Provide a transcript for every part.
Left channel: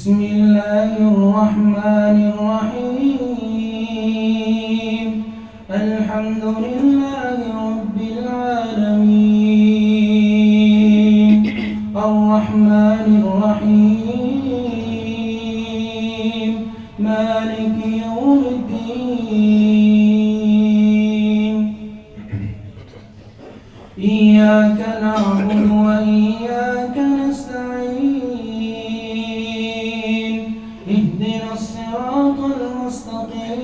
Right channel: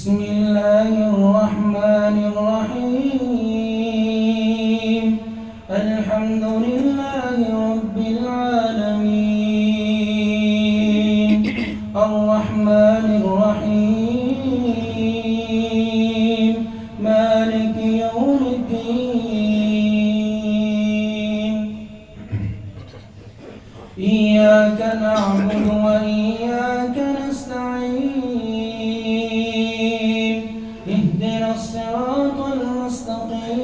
بسم الله الرحمن الرحيم الحمد لله رب العالمين الرحمن الرحيم مالك يوم الدين إياك نعبد وإياك نستعين اهدنا الصراط المستقيم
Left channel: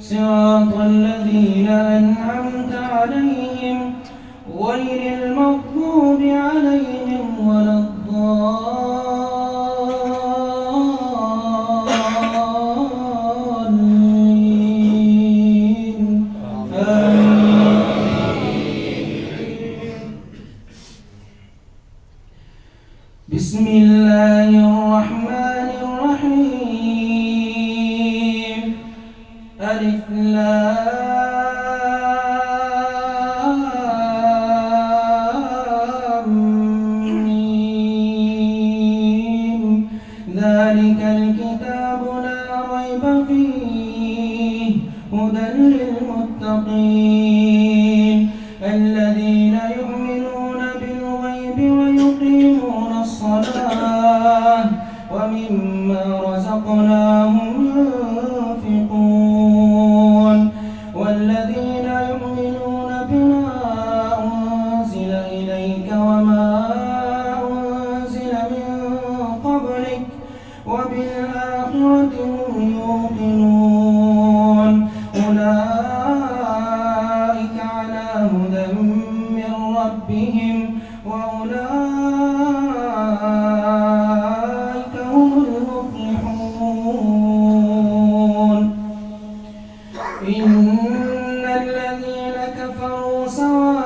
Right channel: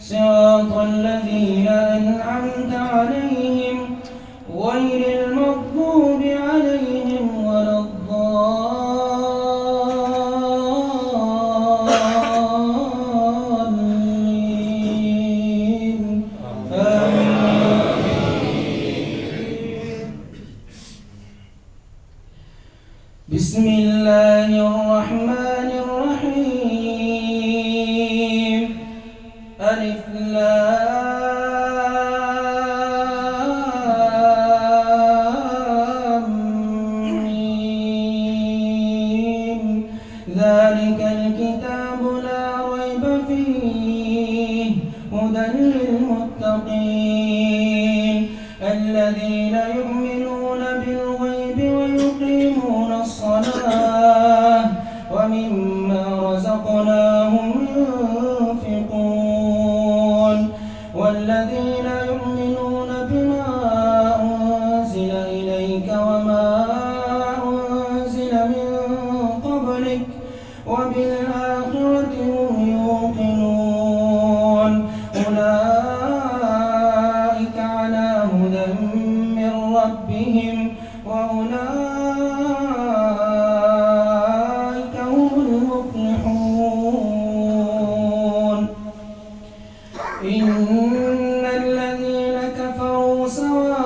صراط الذين أنعمت عليهم غير المغضوب عليهم ولا الضالين بسم الله الرحمن الرحيم ألف لام ميم ذلك الكتاب لا ريب فيه هدى للمتقين الذين يؤمنون بالغيب ويقيمون الصلاة ومما رزقناهم ينفقون والذين يؤمنون بما أنزل إليك وما أنزل من قبلك وبالآخرة هم يوقنون أولئك على هدى من ربهم وأولئك هم المفلحون إن الذين كفروا سواء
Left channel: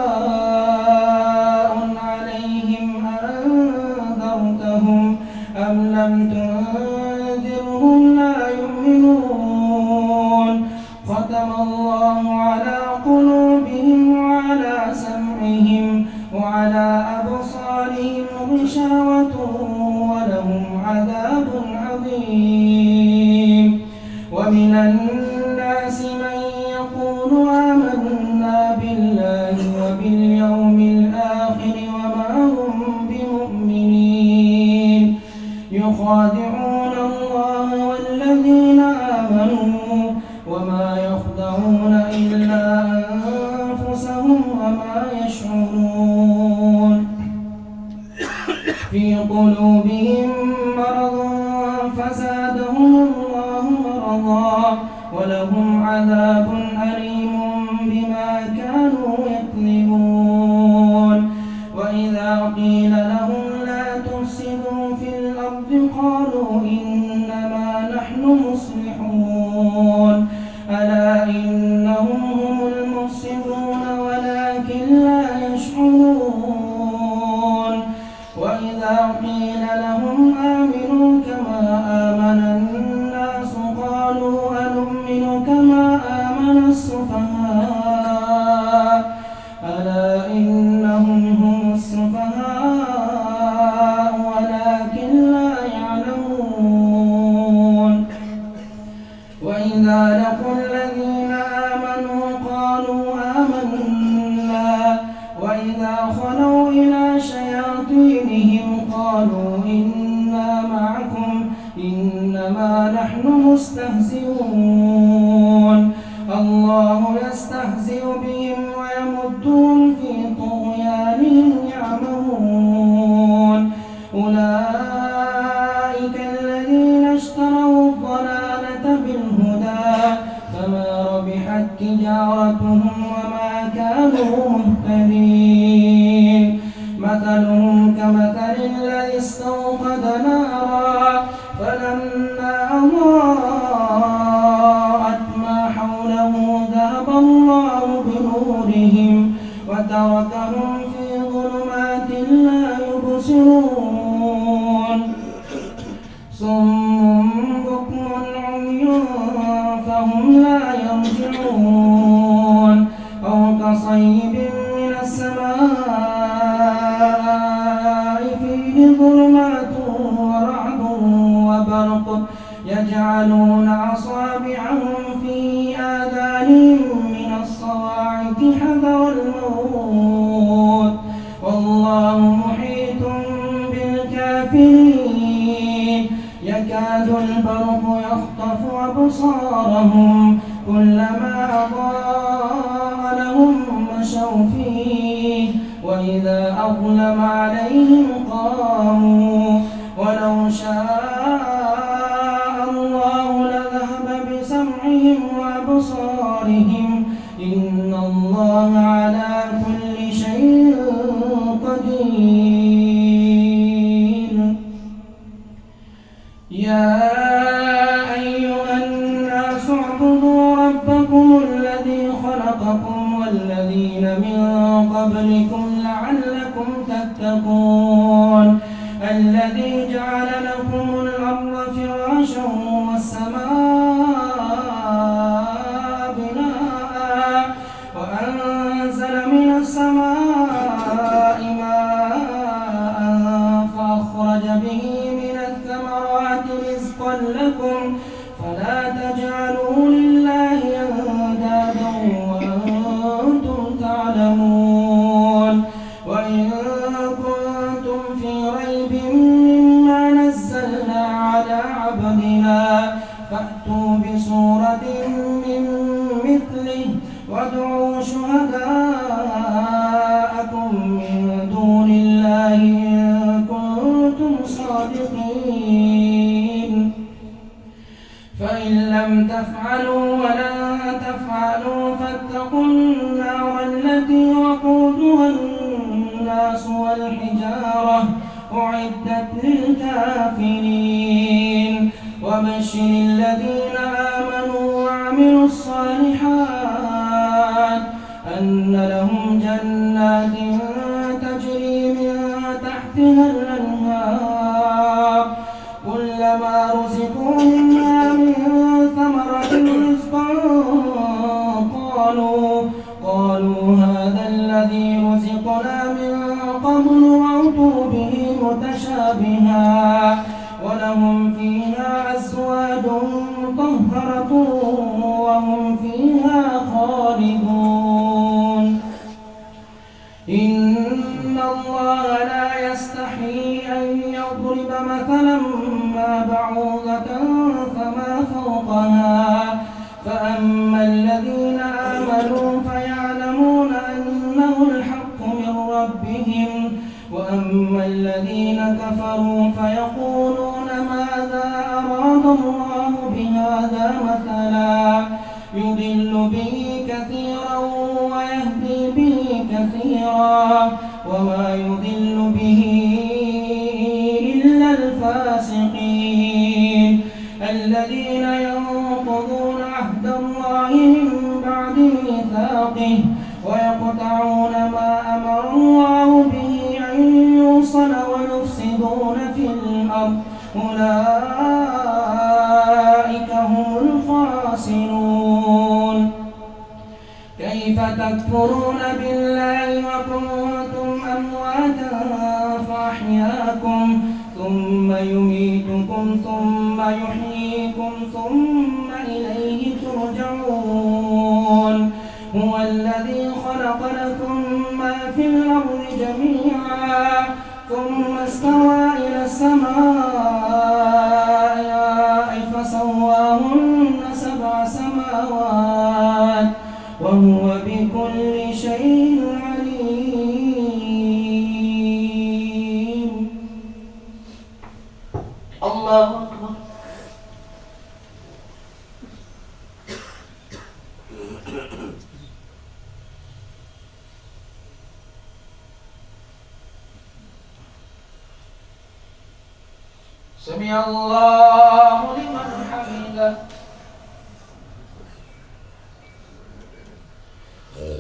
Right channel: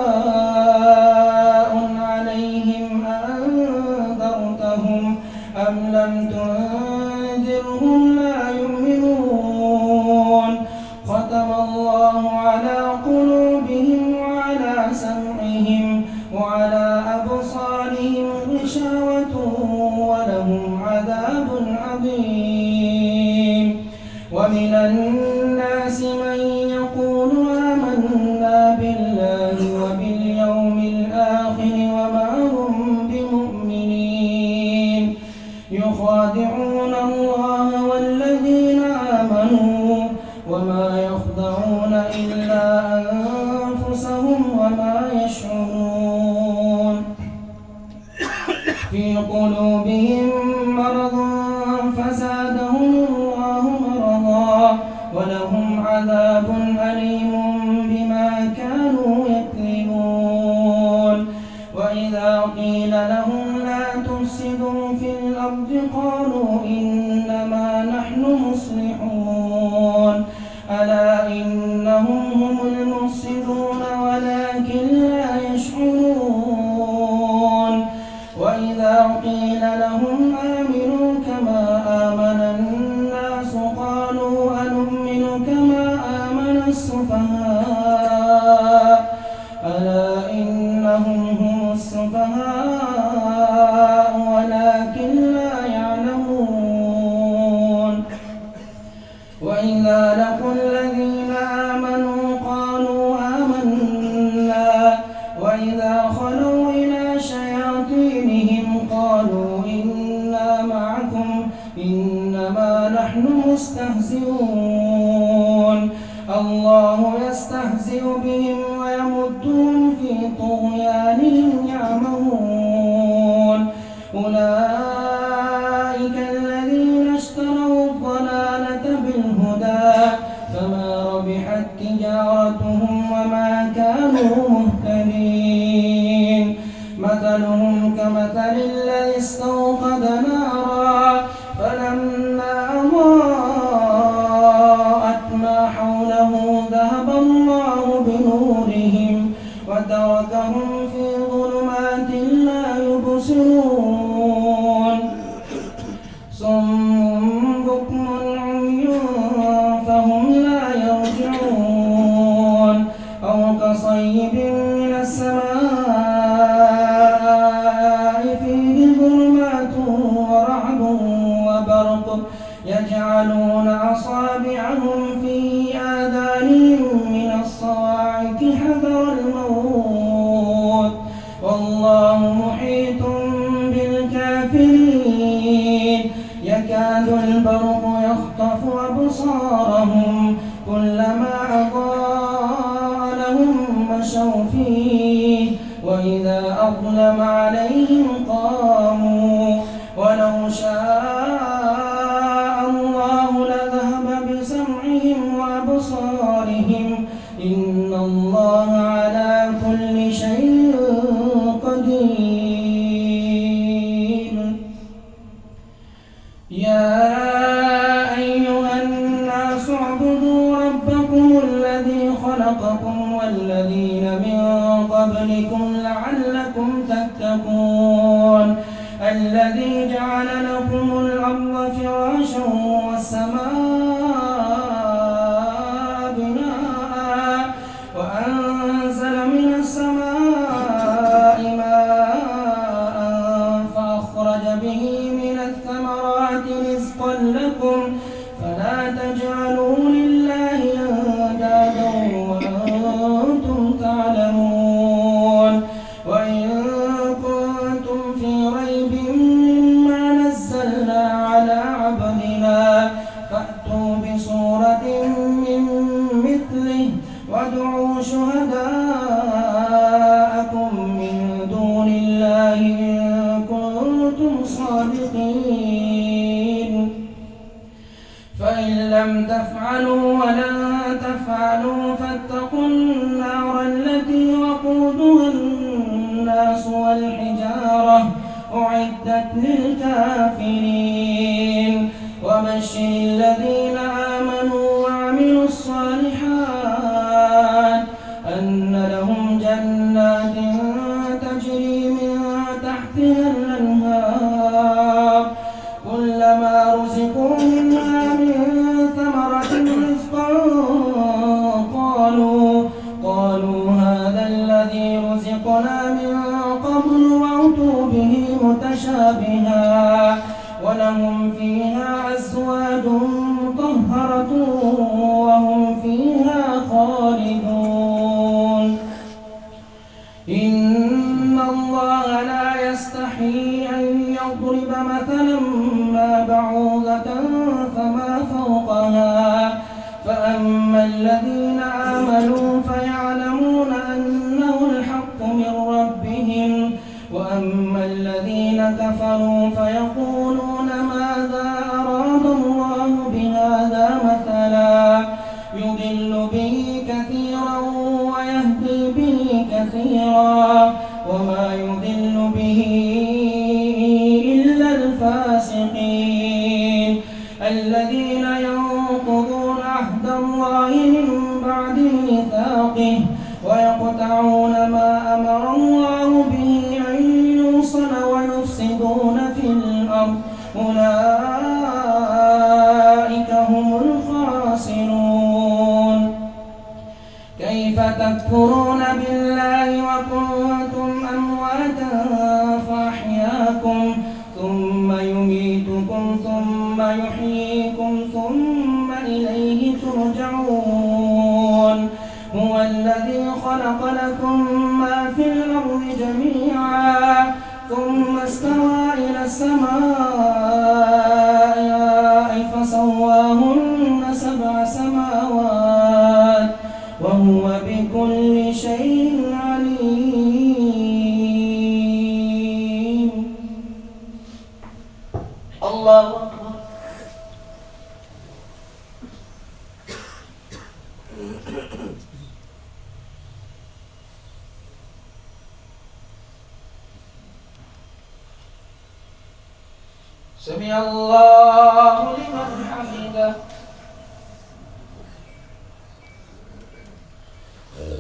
عليهم أأنذرتهم أم لم تنذرهم لا يؤمنون ختم الله على قلوبهم وعلى سمعهم وعلى أبصارهم غشاوة ولهم عذاب عظيم ومن الناس من يقول آمنا بالله وباليوم الآخر وما هم بمؤمنين يخادعون الله والذين آمنوا وما يخدعون إلا أنفسهم وما يشعرون في قلوبهم مرض فزادهم الله مرضا ولهم عذاب أليم بما كانوا يكذبون وإذا قيل لهم لا تفسدوا في الأرض قالوا إنما نحن مصلحون ألا إنهم هم المفسدون ولكن لا يشعرون وإذا قيل لهم آمنوا كما آمن الناس قالوا أنؤمن كما آمن السفهاء ألا إنهم هم السفهاء ولكن لا يعلمون وإذا لقوا الذين آمنوا قالوا آمنا وإذا خلوا إلى شياطينهم قالوا إنا معكم إنما نحن مستهزئون الله يستهزئ بهم ويمدهم في طغيانهم يعمهون أولئك الذين اشتروا الضلالة بالهدى فما ربحت تجارتهم وما كانوا مهتدين مثلهم كمثل الذي استوقد نارا فلما أضاءت ما حوله ذهب الله بنورهم وتركهم في ظلمات لا يبصرون صم بكم عمي فهم لا يرجعون أو كصيب من السماء فيه ظلمات البرق يجعلون أصابعهم في آذانهم من الصواعق حذر الموت والله محيط بالكافرين يكاد البرق يخطف أبصارهم كلما أضاء لهم مشوا فيه وإذا أظلم عليهم قاموا ولو شاء الله لذهب بسمعهم وأبصارهم إن الله على كل شيء قدير يا أيها الناس اعبدوا ربكم الذي خلقكم والذين من قبلكم لعلكم تتقون الذي جعل لكم الأرض فراشا والسماء بناء وأنزل من السماء ماء فأخرج به من الثمرات رزقا لكم فلا تجعلوا لله أندادا وأنتم تعلمون وإن كنتم في ريب مما نزلنا على عبدنا فأتوا بسورة من مثله وادعوا شهداءكم من دون الله إن كنتم صادقين فإن لم تفعلوا ولن تفعلوا فاتقوا النار التي وقودها الناس والحجارة أعدت للكافرين وبشر الذين آمنوا وعملوا الصالحات أن لهم جنات تجري من تحتها الأنهار كلما رزقوا منها من ثمرة رزقا قالوا هذا الذي رزقنا من قبل وأتوا به متشابها ولهم فيها أزواج مطهرة وهم فيها خالدون إن الله لا يستحيي أن يضرب مثلا ما بعوضة فما فوقها فأما الذين آمنوا فيعلمون أنه الحق من ربهم وأما الذين كفروا فيقولون ماذا أراد الله بهذا مثلا يضل به كثيرا ويهدي به كثيرا وما يضل به إلا الفاسقين الذين ينقضون عهد الله من بعد ميثاقه ويقطعون ما أمر الله به أن يوصل ويفسدون في الأرض أولئك هم الخاسرون كيف تكفرون بالله وكنتم أمواتا فأحياكم ثم يميتكم ثم يحييكم ثم إليه ترجعون هو الذي خلق لكم ما في الأرض جميعا ثم استوى إلى السماء فسواهن 7 سماوات وهو بكل شيء عليم الله سمع الله لمن حمده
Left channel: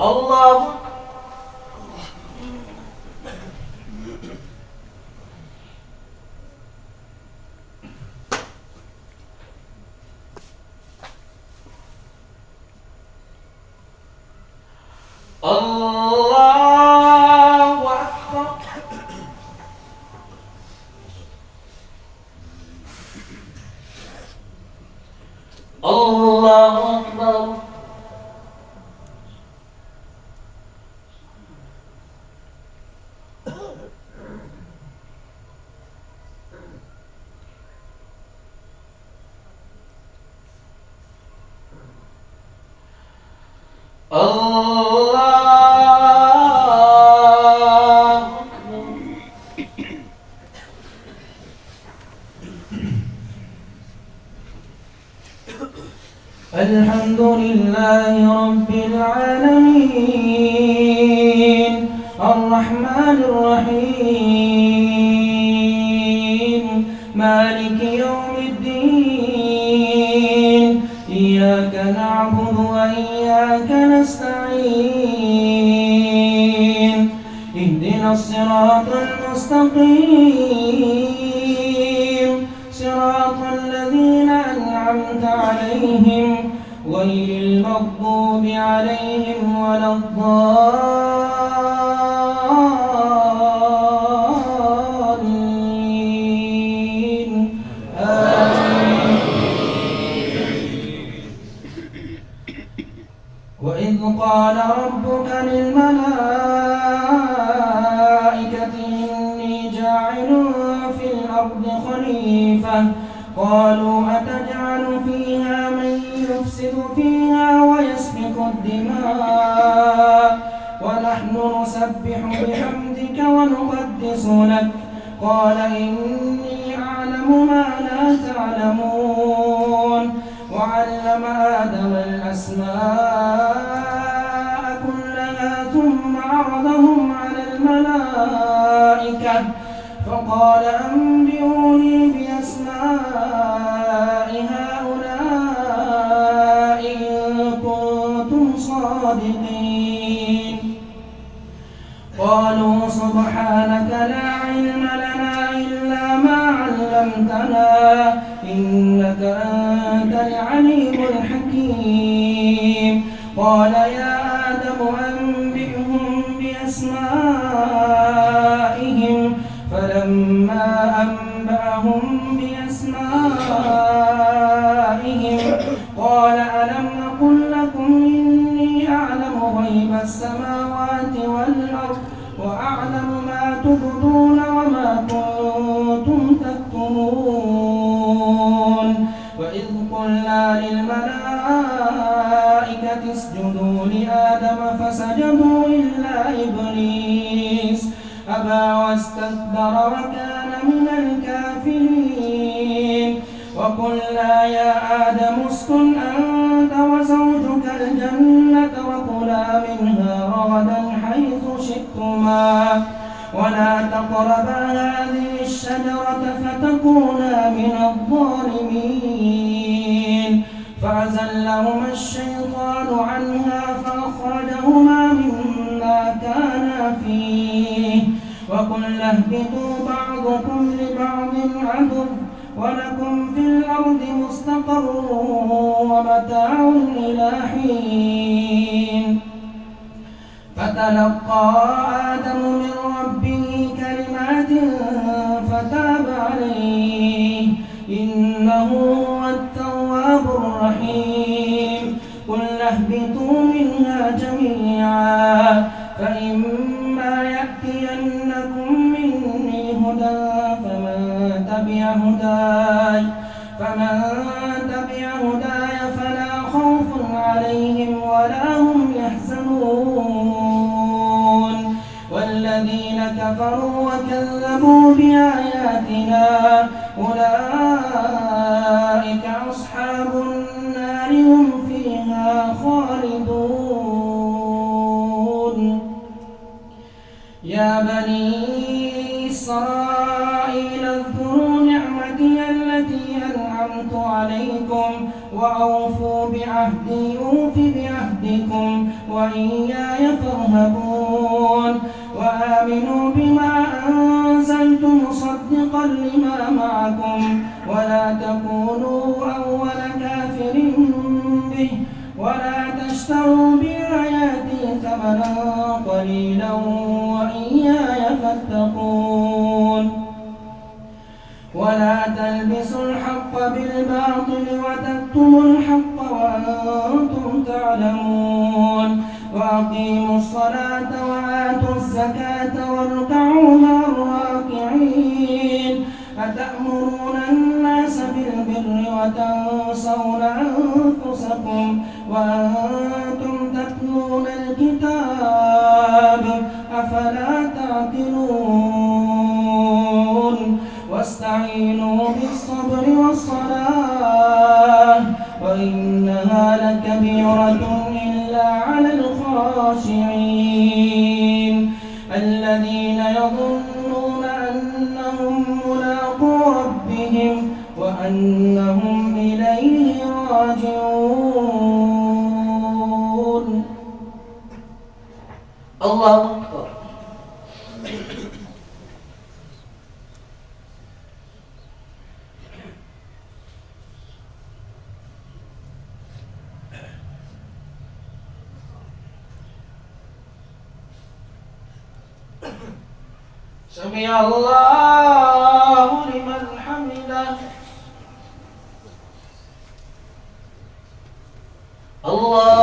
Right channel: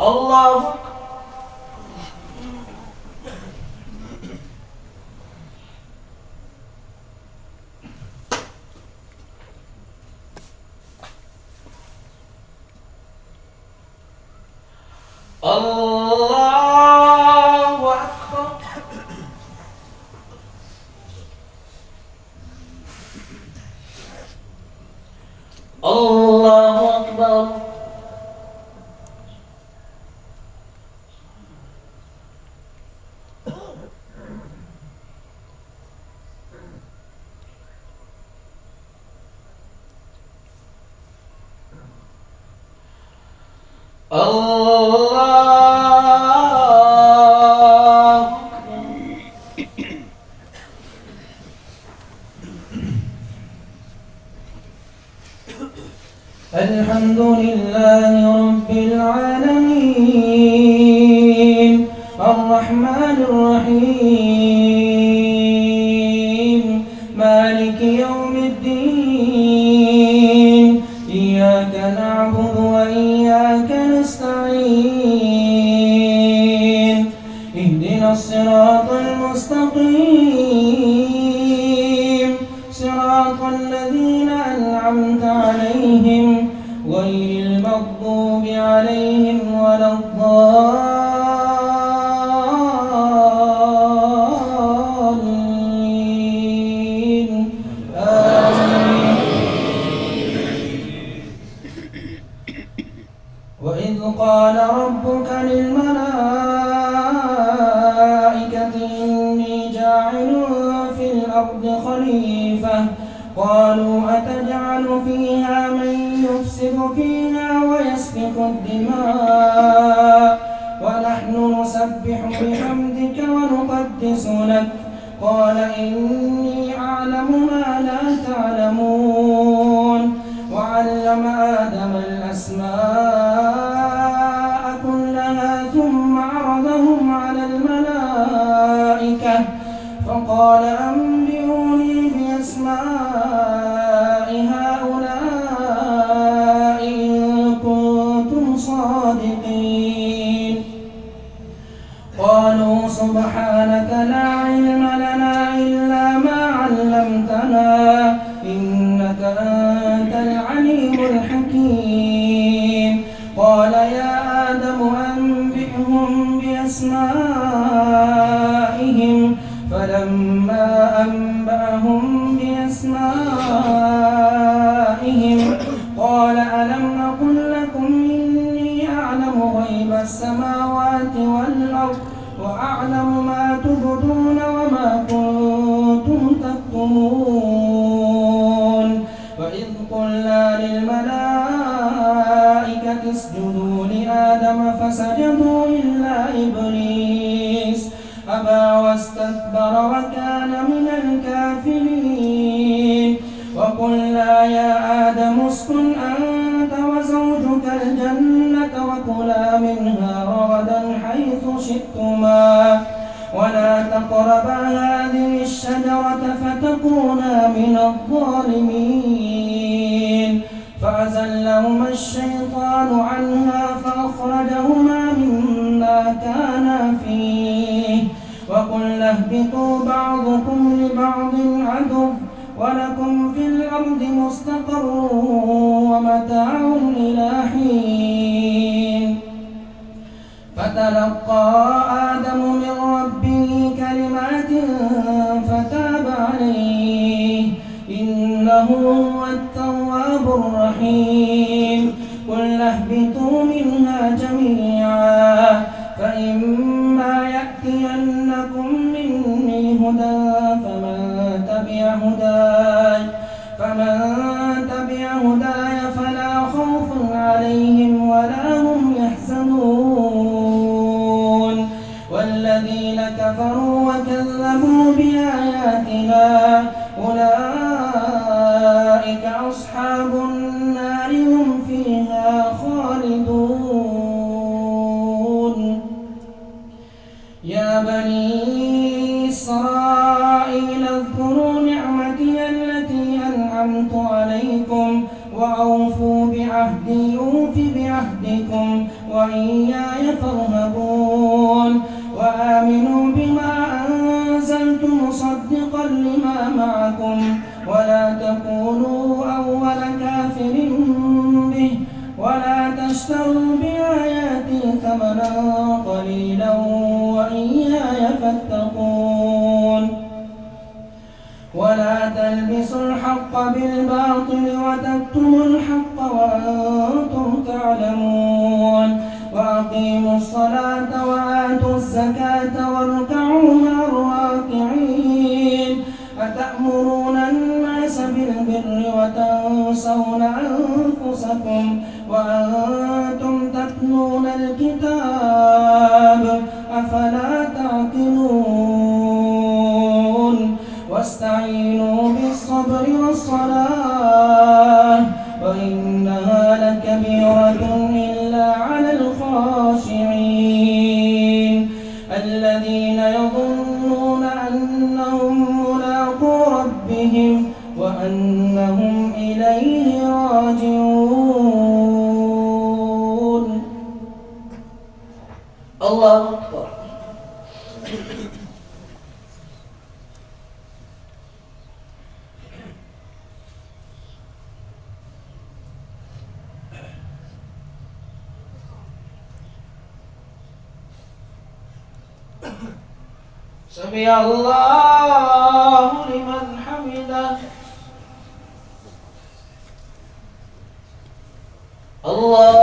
الله الله أكبر الله أكبر. الحمد لله رب العالمين الرحمن الرحيم مالك يوم الدين إياك نعبد وإياك نستعين اهدنا الصراط المستقيم صراط الذين أنعمت عليهم غير المغضوب عليهم ولا الضالين آمين. وإذ قال ربك للملائكة إني جاعل في الأرض خليفة قالوا أتجعل فيها من يفسد فيها ويسفك الدماء ونحن نسبح بحمدك ونقدس لك قال إني أعلم ما لا تعلمون وعلم آدم الأسماء كلها ثم عرضهم على الملائكة فقال أنبئوني بأسماء هؤلاء إن كنتم صادقين قالوا سبحانك لا علم لنا إلا ما علمتنا إنك أنت العليم الحكيم قال يا آدم أنبئهم بأسمائهم فلما أنبأهم بأسمائهم قال ألم أقل لكم إني أعلم غيب السماوات والأرض وأعلم ما تبدون وما كنتم تكتمون وإذ قلنا للملائكة اسجدوا لآدم فسجدوا إلا إبليس أبى واستكبر وكان من الكافرين وقلنا يا آدم اسكن أنت وزوجك الجنة وكلا منها رغدا حيث شئتما ولا تقربا هذه الشجرة فتكونا من الظالمين فأزلهما الشيطان عنها فأخرجهما مما كانا فيه وقلنا اهبطوا بعضكم لبعض عدو ولكم في الأرض مستقر ومتاع إلى حين فتلقى آدم من ربه كلمات فتاب عليه إنه هو التواب الرحيم قلنا اهبطوا منها جميعا فإما يأتينكم مني هدى فمن تبع هداي فلا خوف عليهم ولا هم يحزنون والذين كفروا وكذبوا بآياتنا أولئك أصحاب النار هم فيها خالدون يا بني إسرائيل اذكروا نعمتي التي أنعمت عليكم وأوفوا بعهدي أوف بعهدكم وإياي فارهبون وآمنوا بما أنزلت مصدقا لما معكم ولا تكونوا أول كافر به ولا تشتروا بآياتي ثمنا قليلا وإياي فاتقون ولا تلبسوا الحق بالباطل وتكتموا الحق وأقيموا الصلاة وآتوا الزكاة واركعوا مع الراكعين أتأمرون الناس بالبر وتنسون أنفسكم وأنتم تتلون الكتاب أفلا تعقلون واستعينوا بالصبر والصلاة وإنها لكبيرة إلا على الخاشعين الذين يظنون أنهم ملاقو ربهم وأنهم إليه راجعون. الله أكبر. سمع الله لمن حمده. الله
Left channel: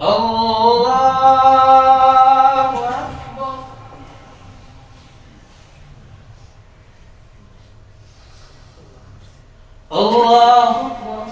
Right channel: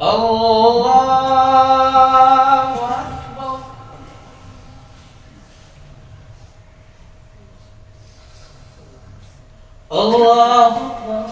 الله أكبر.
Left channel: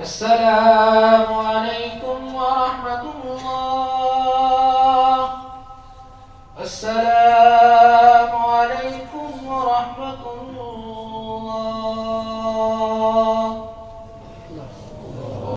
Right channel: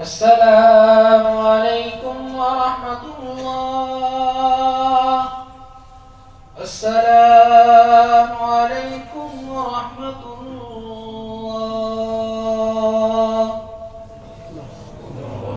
السلام عليكم ورحمة الله. السلام